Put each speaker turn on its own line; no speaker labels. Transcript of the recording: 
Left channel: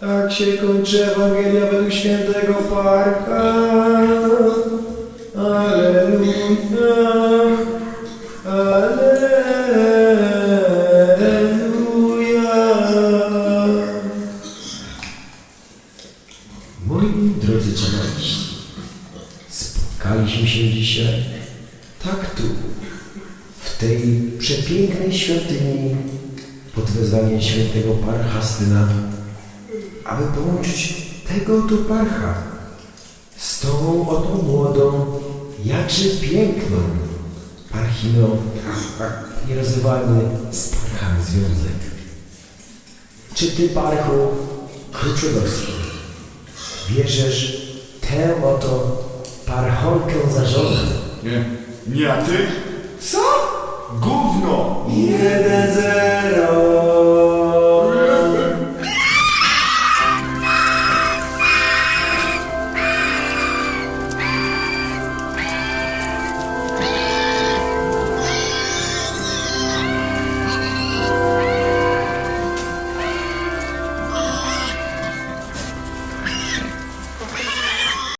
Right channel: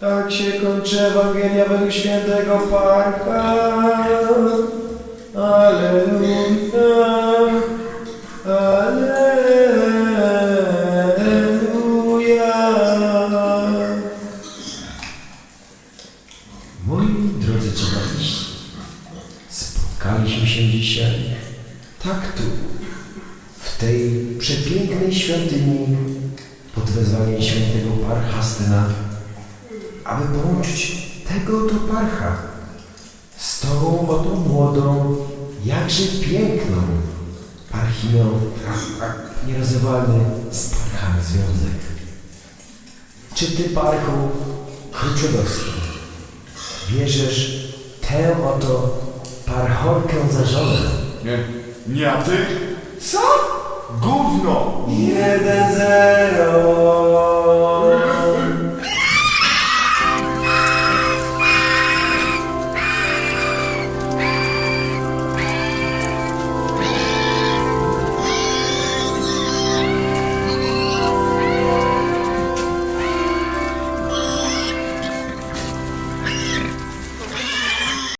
Tak się kończy Ewangelia według świętego Parcha. Aleluja. Aleluja.
Moi drodzy czytelnicy, spotkaliśmy się dzisiaj tak tu, w tej przepięknej świątyni pod wezwaniem świętego Parchastyna, aby połączyć tego oto parcha z tą oto młodą, jakże piękną parchiną, nierozerwalny z parchami związek. Czy ty, parchu Kruczudowski, bierzesz tę oto parcholkę za żonę?
Nie, nie, a ty? Co? Gówno!
Jeden zero.